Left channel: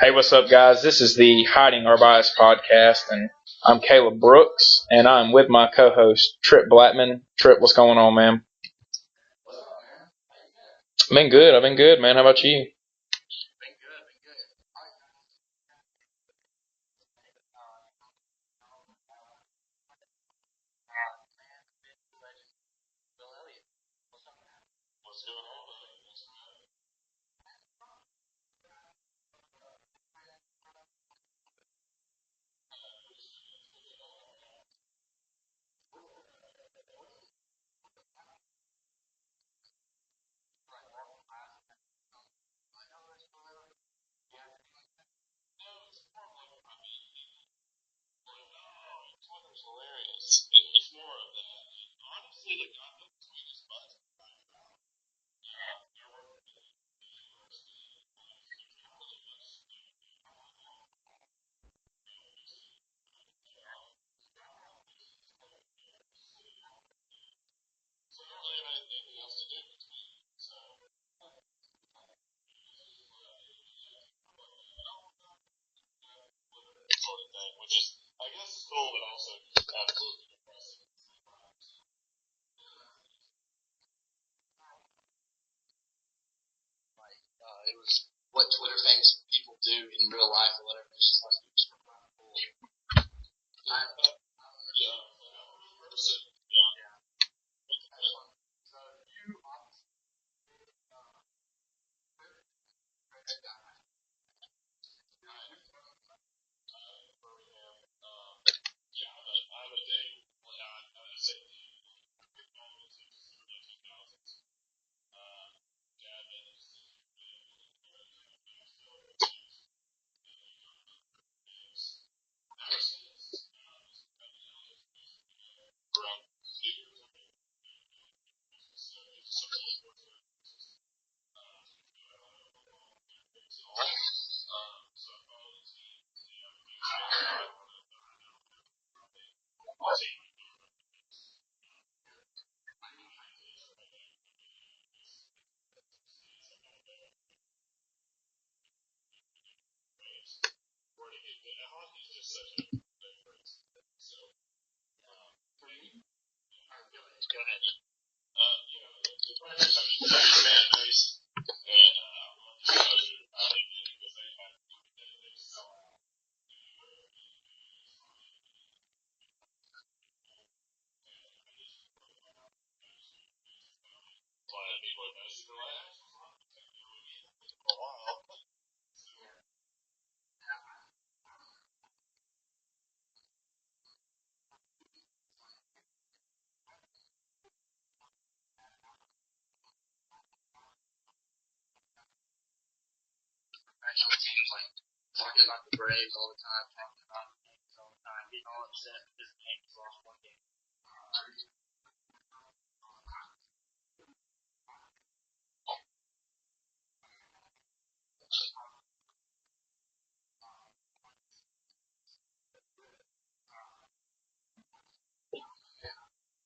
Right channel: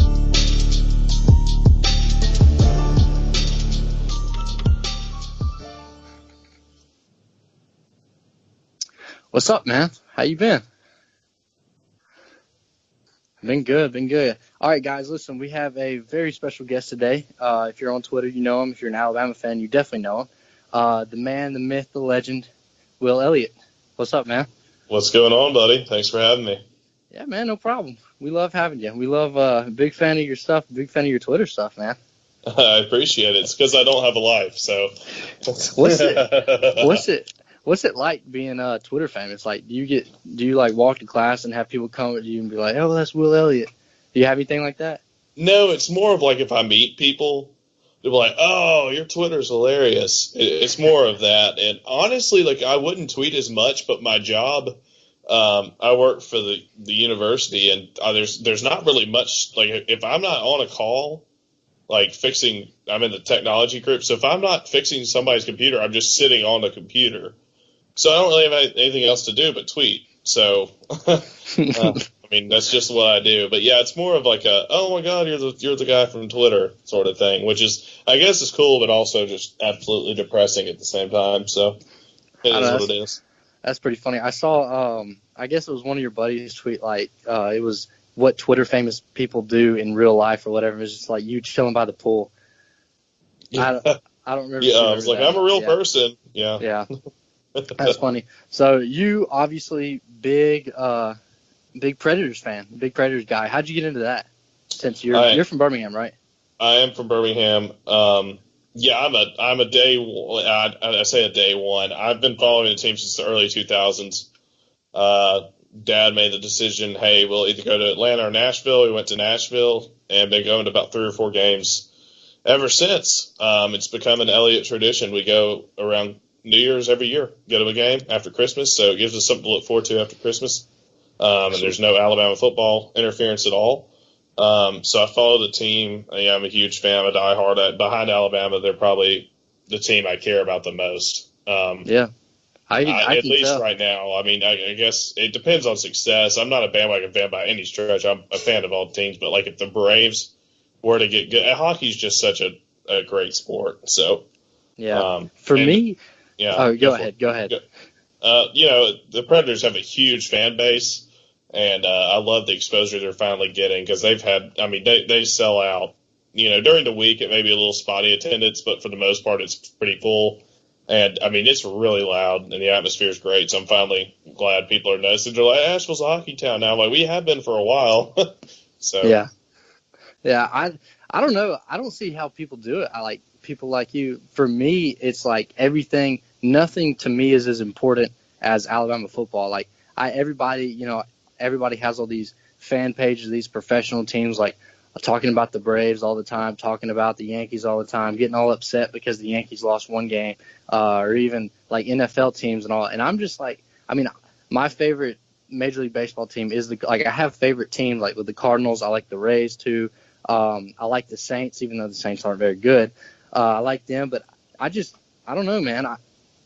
Hey, what's up, guys? This is the Hiding Our Bias podcast, and I'm Caleb Brooks, and I'm with my co-host, Tripp Blackmon. Tripp, what's going on, man? What's up, man? How you been? I've been good, man. How about you? Been good. All right, guys, listen, we have a very special guest today. If you're on Twitter, you know him. If you're an Alabama fan, you definitely know him. The man, the myth, the legend, Will Elliot. What's up, man? What's going on, buddy? Thanks for having me. Yeah, man, no problem. We love having you. We love big fan of your stuff, big fan of your Twitter stuff, man. I appreciate it. It's because I don't have a life, so. What's it like being Twitter famous? Like, do you like walk to class and have people come at you and be like, oh, that's Will Elliot? Do you have anything like that? No, it's more of like if I meet people, they're like, oh, your Twitter's hilarious. It's more of that. And honestly, like, I wouldn't tweet as much, but my job, I work for the university, and there's not really much, like, if I'm not on a call, like I'm in the technology group, so if I'm not fixing somebody's computer, I'm just sitting on the computer. So I don't really have anything else to do but tweet. So, I mean, that's just what I do. But yeah, it's more of like oh my God, you're the guy from Twitter sort of thing, which is, I guess, is cool, but also just absolutely depressing at the same time. So it is what it is. That's pretty funny. I saw, I guess it was one of your buddies tweet, like, it was what Twitter famous people do in real life or whatever. It was just like you chilling by the pool. Yeah. I don't remember. Yeah, I was like, I'm a real person. Yeah. Yeah. That's funny. So you obviously big Predators fan, big Predators guy. How'd you get into that? Since you're from Birmingham, right? I am from Birmingham. Yeah, I'm a day. I say a day one. I've been following the team since the early 2000s. Dad made the decision, hey, we'll either go to Atlanta or Nashville. We went to Nashville and been going to about 3 or 4 games ever since. It's become an Elliott tradition. We go around New Year's every year, go to a game after Christmas, so it gives us something to look forward to after Christmas. And there's no Alabama football interference at all. So I follow the team. Yeah, I'm a huge fan. I'm a diehard. Behind Alabama, they're probably the team I care about the most. Yeah. I at can least tell. right now. I mean, I guess it depends on success. I'm not a bandwagon fan by any stretch. I'm a fan of all teams. But, like, if the Braves were to get good – hockey's just such a great sport. So, yeah. For me – yeah. Oh, go ahead. The Predators have a huge fan base. And I love the exposure they're finally getting because they've had – I mean, they sell out. During the week it may be a little spotty attendance, but for the most part it's pretty full. And, I mean, it's really loud and the atmosphere is great. So I'm finally glad people are noticing. They're like, Asheville's a hockey town now. I'm like, we have been for a while. So yeah. I don't know. I don't see how people do it. I like people like you. For me, it's like everything – nothing to me is as important as Alabama football. Like everybody has all these fan pages, these professional teams, like talking about the Braves all the time, talking about the Yankees all the time, getting all upset because the Yankees lost one game, or even like NFL teams and all. And I'm just like, I mean, my favorite Major League Baseball team is I have favorite teams like with the Cardinals. I like the Rays too. I like the Saints, even though the Saints aren't very good. I like them, but I don't know, man.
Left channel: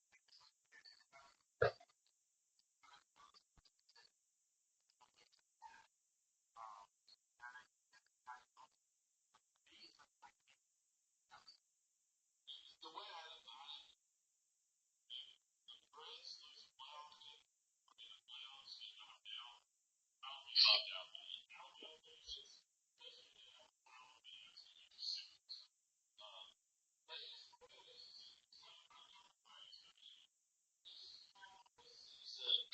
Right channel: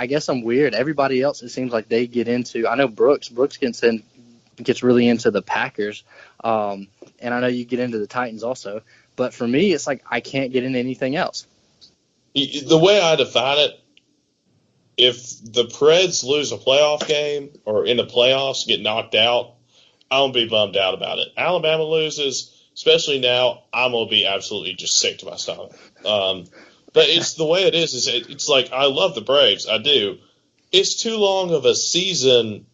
I guess I'm weird. Everybody else, it seems like they get into. I know Brooks gets really into the Packers, and I know you get into the Titans also. But for me, it's like I can't get into anything else. The way I define it, if the Preds lose a playoff game or in the playoffs get knocked out, I'm going to be bummed out about it. Alabama loses, especially now, I'm going to be absolutely just sick to my stomach. But it's the way it is it's like I love the Braves. I do. It's too long of a season.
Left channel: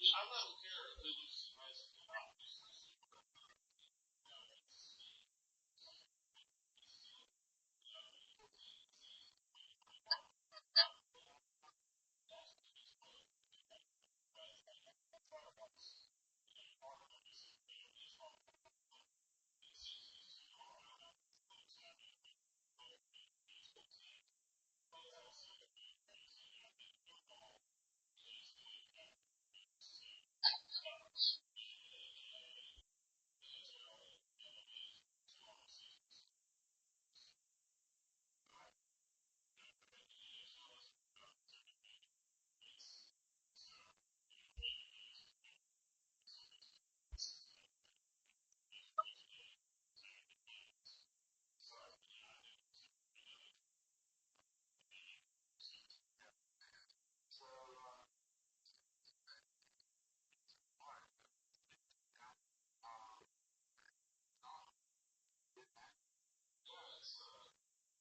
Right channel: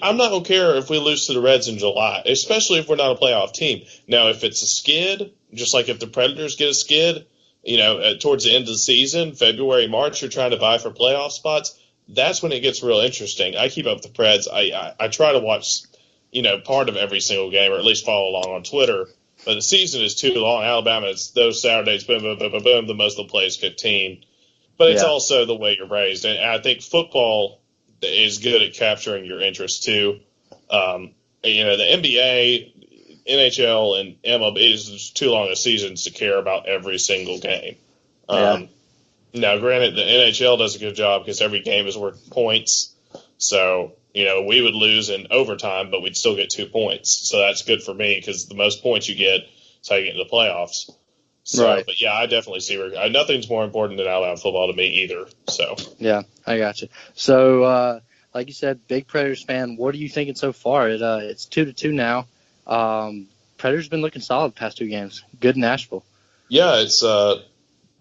I'm not going to care if we lose to the Reds in July, especially if we're not a playoff team. Now, if it's a skid, just like if the Predators get a skid, towards the end of the season, February, March, you're trying to vie for playoff spots, that's when it gets real interesting. I keep up with the Preds. I try to watch, part of every single game or at least follow along on Twitter. But the season is too long. Alabama, it's those Saturdays, boom, boom, boom, boom, boom, the most they'll play is 15. But it's also the way you're raised. And I think football is good at capturing your interest too. The NBA, NHL, and MLB is just too long a seasons to care about every single game. Now, granted, the NHL does a good job because every game is worth points. So we would lose in overtime, but we'd still get 2 points. So that's good for me because the most points you get is how you get into the playoffs. So, Right. But yeah, I definitely see where nothing's more important than Alabama football to me either. So Yeah, I got you. So, like you said, big Predators fan. What are you thinking so far? It's 2-2 now. Predators been looking solid the past 2 games. Good in Nashville. yeah, it's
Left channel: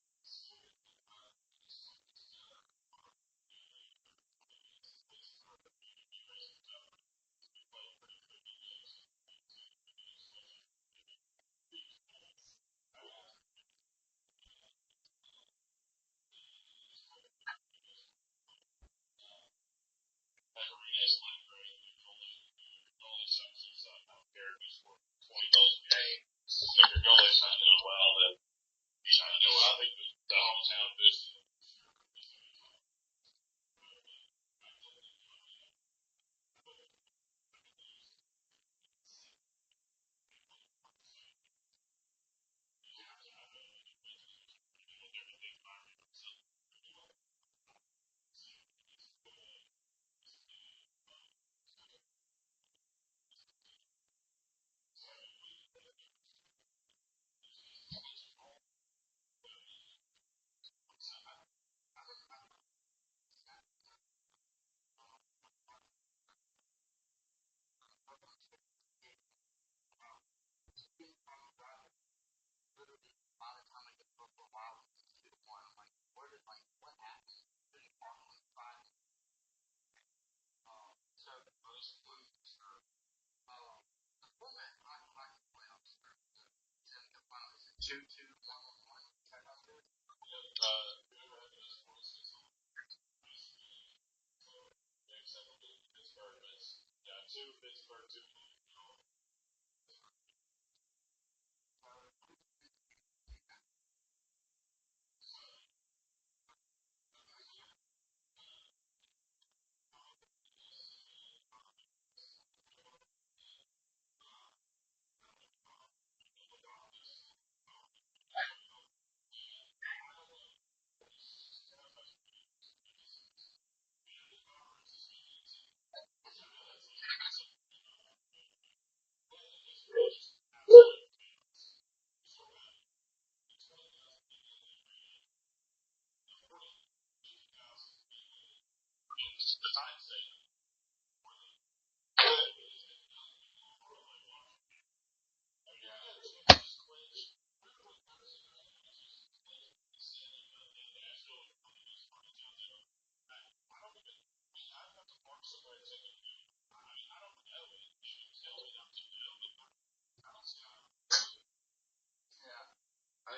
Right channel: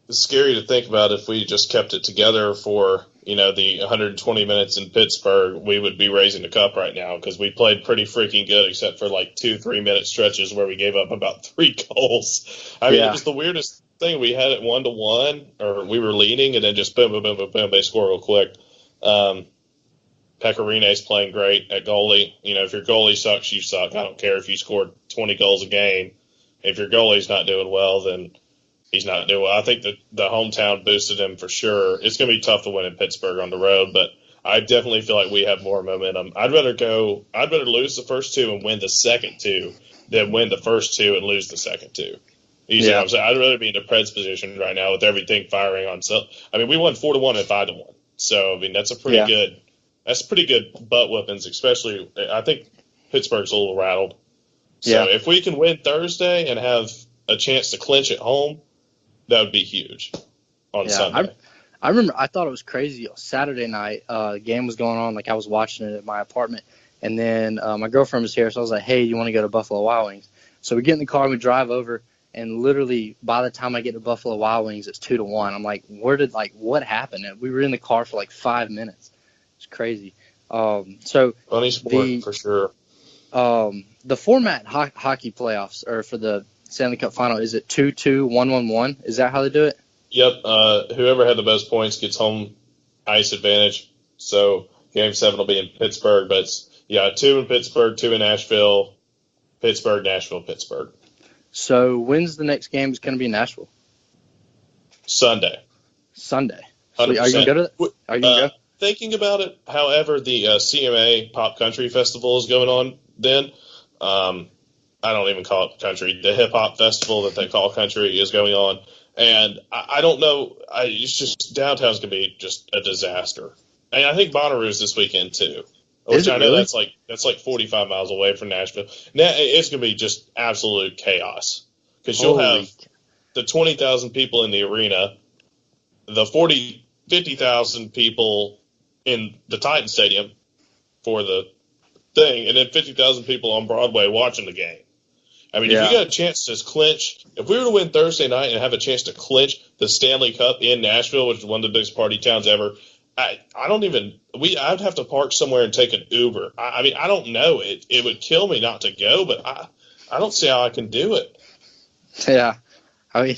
scary to think about if we just kept it together for the 120 minutes in Pittsburgh, we would be raising the cup right now because we played pretty freaking good except for like 2-3 minute stretches where we gave up about 3 goals. I mean, it was the weirdest thing. We had it 1-1, or we were leading, and then just boom, boom, boom, boom, boom, they score real quick. Pecorine's playing great at goalie. If your goalie sucks, you suck. I don't care if you scored 20 goals a game. If your goalie's not doing well, then he's not doing well. I think the hometown boosted him for sure. It's going to be tough to win in Pittsburgh on the road, but I definitely feel like we have more momentum. I'd rather lose the first 2 and win the second 2 than win the first 2 and lose the second 2. You see what I'm saying? I'd rather be in the Preds position right now with everything firing on. So, I mean, we won 4-1 and 5-1. So, I mean, that's a pretty good. That's pretty good butt whoopings, especially. I think Pittsburgh's a little rattled. So if we can win Thursday and have a chance to clinch at home, that would be huge on Sunday. I remember I thought it was crazy. Saturday night, the game was going on. Like, I was watching it at my apartment. And then my girlfriend was here, so I was like, hey, you want to go to Buffalo Wild Wings? So we get in the car and we drive over. And literally, by the time I get to Buffalo Wild Wings, it's 2-1. I'm like, what happened? And we were in the car for like 5 minutes. It's crazy. So funny sport for sure. The format hockey playoffs or for the Stanley Cup Final, is it 2-2, 1-1-1? Is that how they do it? Yep. Whoever had the most points gets home ice advantage. So Game 7 will be in Pittsburgh, but it's 2 in Pittsburgh, 2 in Nashville, Pittsburgh, Nashville, Pittsburgh. So when's the next game is going to be in Nashville? Sunday. So are you going to go to that? Are you going to go? Thinking about it, however, the CMA Pop Country Festival is going on then. I don't even call it country. The hip-hop festival that they call country is going on. And I don't know. It's just downtown's going to be just a disaster. And I think Bonnaroo's this weekend too. Which I know really? that's like 45 miles away from Nashville. Now, it's going to be just absolute chaos. Because you'll have the 20,000 people in the arena, the 50,000 people in the Titan Stadium for the thing, and then 50,000 people on Broadway watching the game. I mean, if you got a chance to clinch, if we were to win Thursday night and have a chance to clinch the Stanley Cup in Nashville, which is one of the biggest party towns ever, I'd have to park somewhere and take an Uber. I mean, I don't know. It would kill me not to go, but I don't see how I can do it. Yeah. I mean,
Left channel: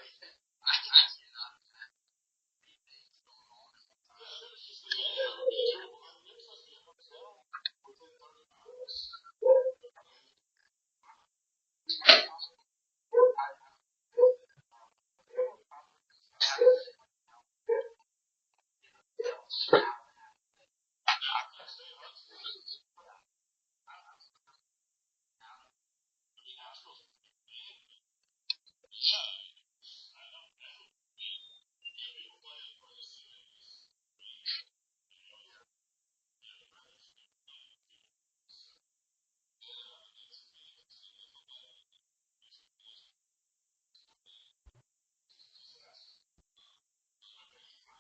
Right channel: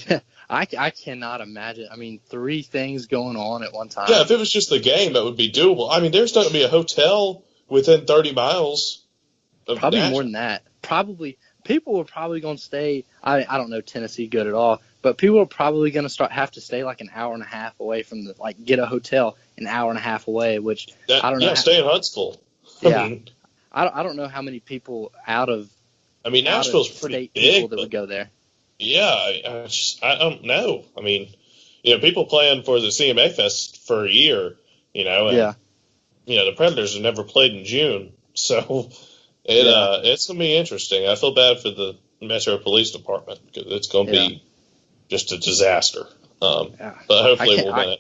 I cannot imagine. I mean, 3 things going on at one time. Yeah, if it was just the game, that would be doable. I mean, there's not going to be a hotel within 30 miles of Probably Nashville. more than that. People are probably going to stay. I don't know Tennessee good at all, but people are probably going to have to stay like an hour and a half away from get a hotel an hour and a half away, which I don't know. Yeah, stay in Huntsville. Yeah. I don't know how many people Nashville's pretty big. People that would go there. Yeah, I don't know. I mean, people plan for the CMA Fest for a year, and, the Predators have never played in June, so it's going to be interesting. I feel bad for the Metro Police Department because it's going to be just a disaster. But hopefully we'll win it.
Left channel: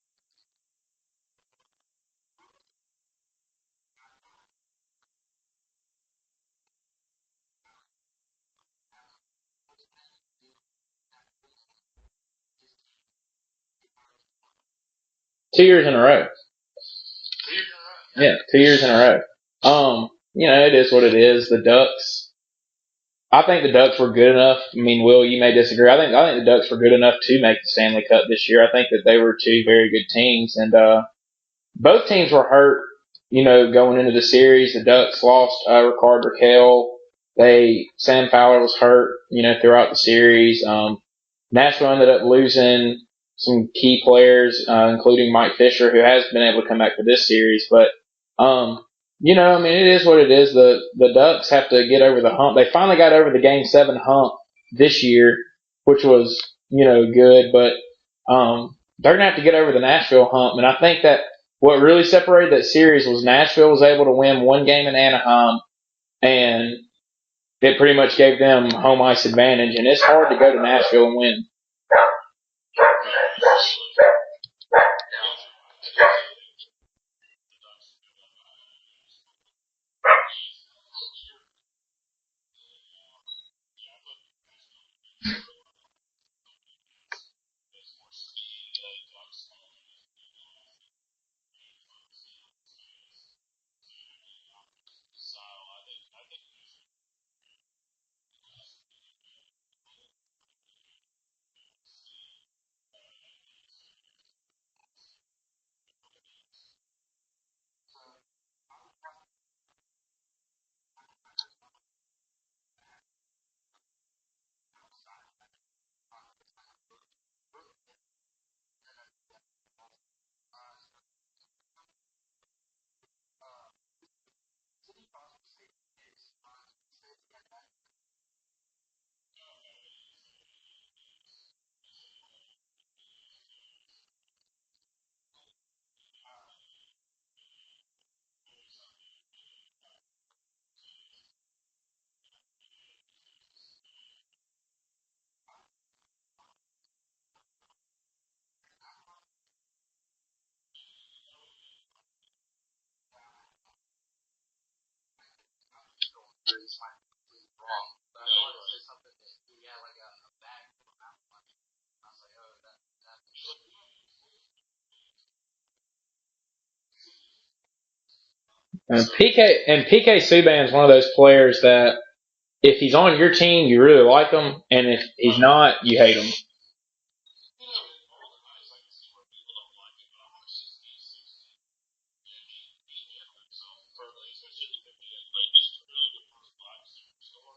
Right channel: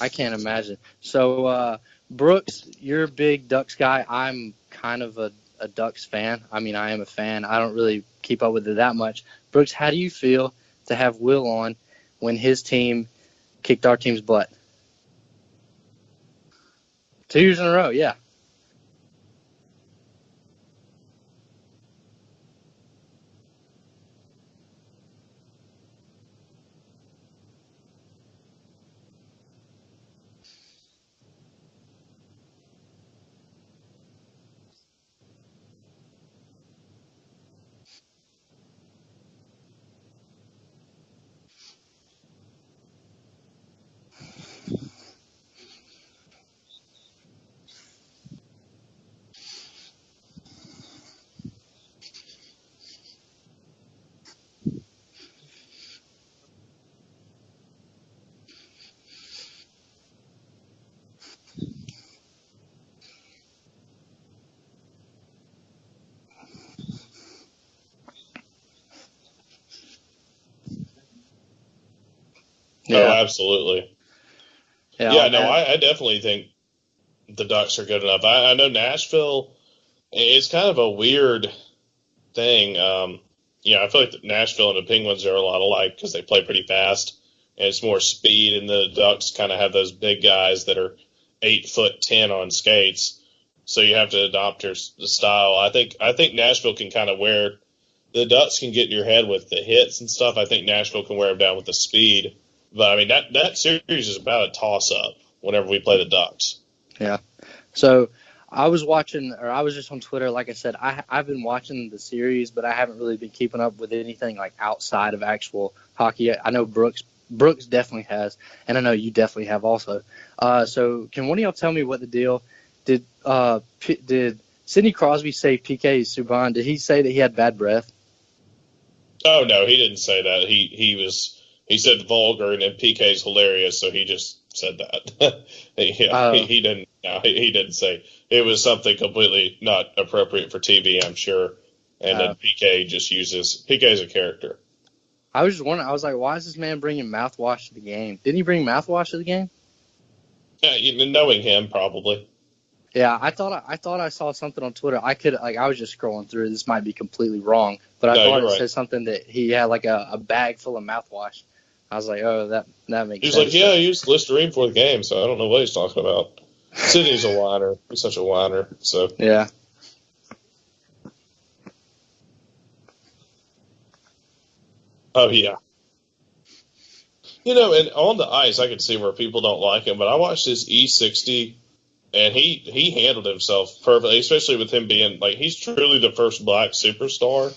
I can't imagine. So, Brooks, you're a big Ducks guy. I'm kind of a Ducks fan. I mean, I am a fan. I don't really keep up with it that much. Brooks, how do you feel to have Will on when his team kicked our team's butt? 2 years in a row. 2 years in a row, yeah. Yeah, 2 years in a row. It is what it is. The Ducks, I think the Ducks were good enough. I mean, Will, you may disagree. I think the Ducks were good enough to make the Stanley Cup this year. I think that they were 2 very good teams, and both teams were hurt, going into the series. The Ducks lost Ricard Raquel. Sam Fowler was hurt, throughout the series. Nashville ended up losing some key players, including Mike Fisher, who has been able to come back for this series. But, it is what it is. The Ducks have to get over the hump. They finally got over the Game 7 hump this year, which was, good. But they're going to have to get over the Nashville hump. And I think that what really separated that series was Nashville was able to win one game in Anaheim, and it pretty much gave them home ice advantage. And it's hard to go to Nashville and win. Oh, absolutely. Yeah, No, I definitely think the Ducks are good enough. I know Nashville, it's kind of a weird thing. I feel like Nashville and the Penguins are a lot alike because they play pretty fast, and it's more speed, and the Ducks kind of have those big guys that are 8'10" on skates. So you have to adopt the style. I think Nashville can kind of wear the Ducks can get in your head with the hits and stuff. I think Nashville can wear them down with the speed. But I mean that series is about a toss up whenever we play the Ducks. Yeah. So I was just on Twitter. Like I said, I've been watching the series, but I haven't really been keeping up with anything like outside of actual hockey. I know Brooks definitely has, and I know you definitely have also. So can one of y'all tell me what the deal? Did Sidney Crosby say PK Subban? Did he say that he had bad breath? Oh no, he didn't say that. He said vulgar, and then PK's hilarious, so he just said that. He didn't. No, he didn't say it was something completely not appropriate for TV. I'm sure, and then PK just uses PK's a character. I was just wondering. I was like, why is this man bringing mouthwash to the game? Didn't he bring mouthwash to the game? Yeah, knowing him, probably. Yeah, I thought I saw something on Twitter. I was just scrolling through. This might be completely wrong, but I thought it said something that he had like a bag full of mouthwash. I was like, oh, that makes sense. He was like, yeah, I used Listerine for the game, so I don't know what he's talking about. Sidney's a whiner. He's such a whiner. So. And PK Subban's one of those players that if he's on your team, you really like him, and if he's not, you hate him. And on the ice, I can see where people don't like him, but I watched his E60, and he handled himself perfectly, especially with him being like he's truly the first black superstar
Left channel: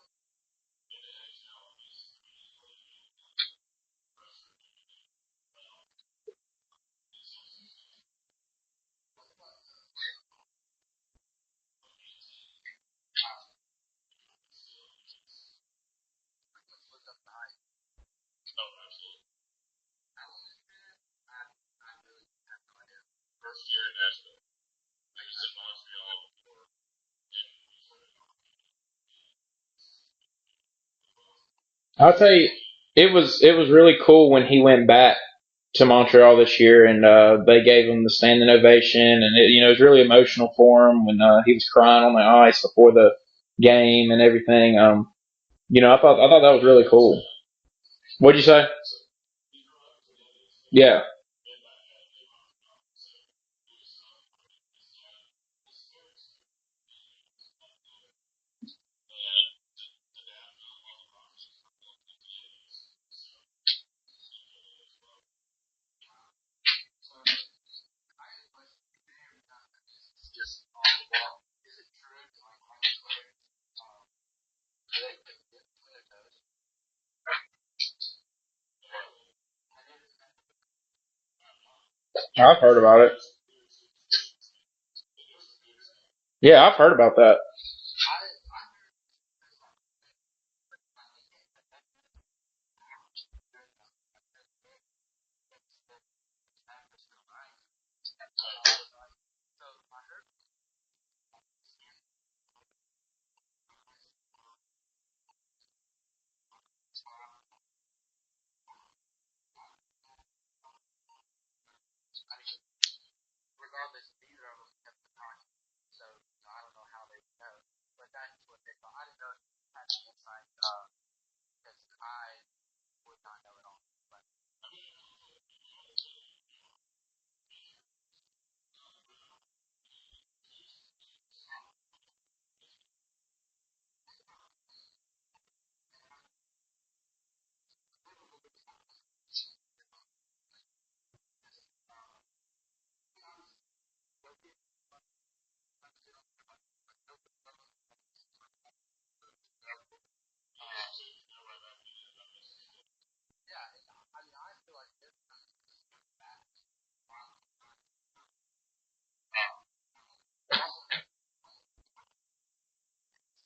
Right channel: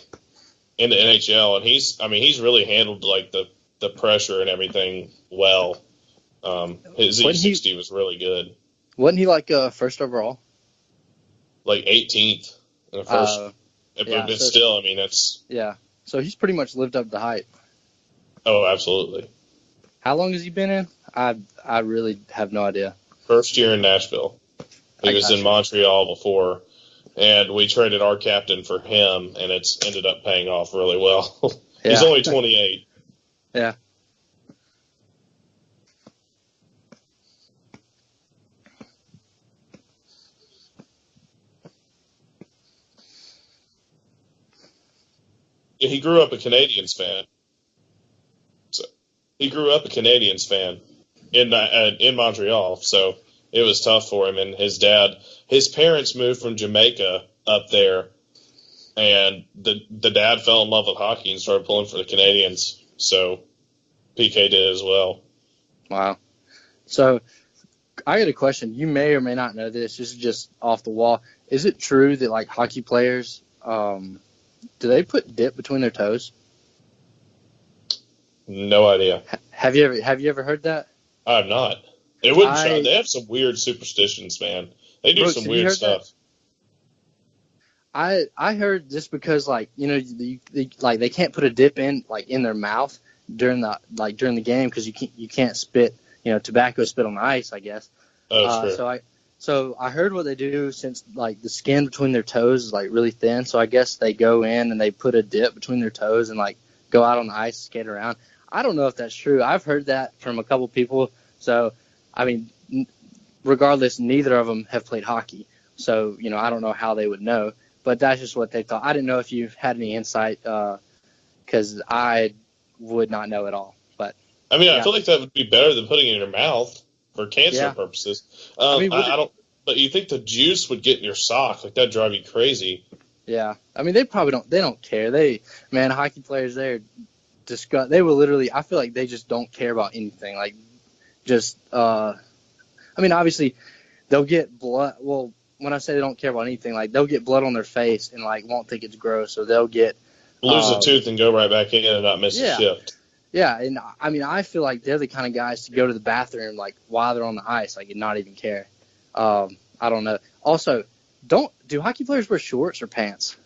in the NHL, and he's really handled like the pressure and everything well. His E60 was really good. Wasn't he like first overall? Like 18th in the first. But still, I mean, it's. Yeah. So he's pretty much lived up to hype. Oh, absolutely. How long has he been in? I really have no idea. First year in Nashville. He was in Montreal before, and we traded our captain for him, and it's ended up paying off really well. He's only 28. It was really cool when he went back to Montreal this year, and they gave him the standing ovation, and it was really emotional for him when he was crying on the ice before the game and everything. I thought that was really cool. Fan. What'd you say? So he grew up a Canadiens fan. Yeah. In Montreal, so it was tough for him. And his parents moved from Jamaica up there, and the dad fell in love with hockey and started pulling for the Canadiens. So PK did as well. Wow. So I got a question. You may or may not know this. This is just off the wall. Is it true that like hockey players, do they put dip between their toes? No idea. Have you ever heard that? I have not. It would have some weird superstitions, man. They do some weird stuff. That? Yeah, I've heard about that. I heard just because they can't put a dip in their mouth during the game because you can't spit tobacco spit on the ice, I guess. So I heard what they do since like the skin between their toes is like really thin. So I guess they go in and they put a dip between their toes and like go out on the ice, skate around. I don't know if that's true. I've heard that from a couple people. So, I mean, regardless, neither of them have played hockey. So, I don't know how they would know. But that's just what they thought. I didn't know if you had any insight because I would not know at all. But I mean, I feel like that would be better than putting it in your mouth for cancer purposes. I don't. But you think the juice would get in your sock? Like that'd drive you crazy. Yeah, I mean, they probably don't. They don't care. Hockey players, they're disgust. They will literally. I feel like they just don't care about anything. Like, just. I mean, obviously, they'll get blood. Well, when I say they don't care about anything, like they'll get blood on their face and like won't think it's gross, or they'll get lose a tooth and go right back in and not miss a shift. Yeah, and I mean, I feel like they're the kind of guys to go to the bathroom like while they're on the ice, like and not even care. I don't know. Also, do hockey players wear shorts or pants?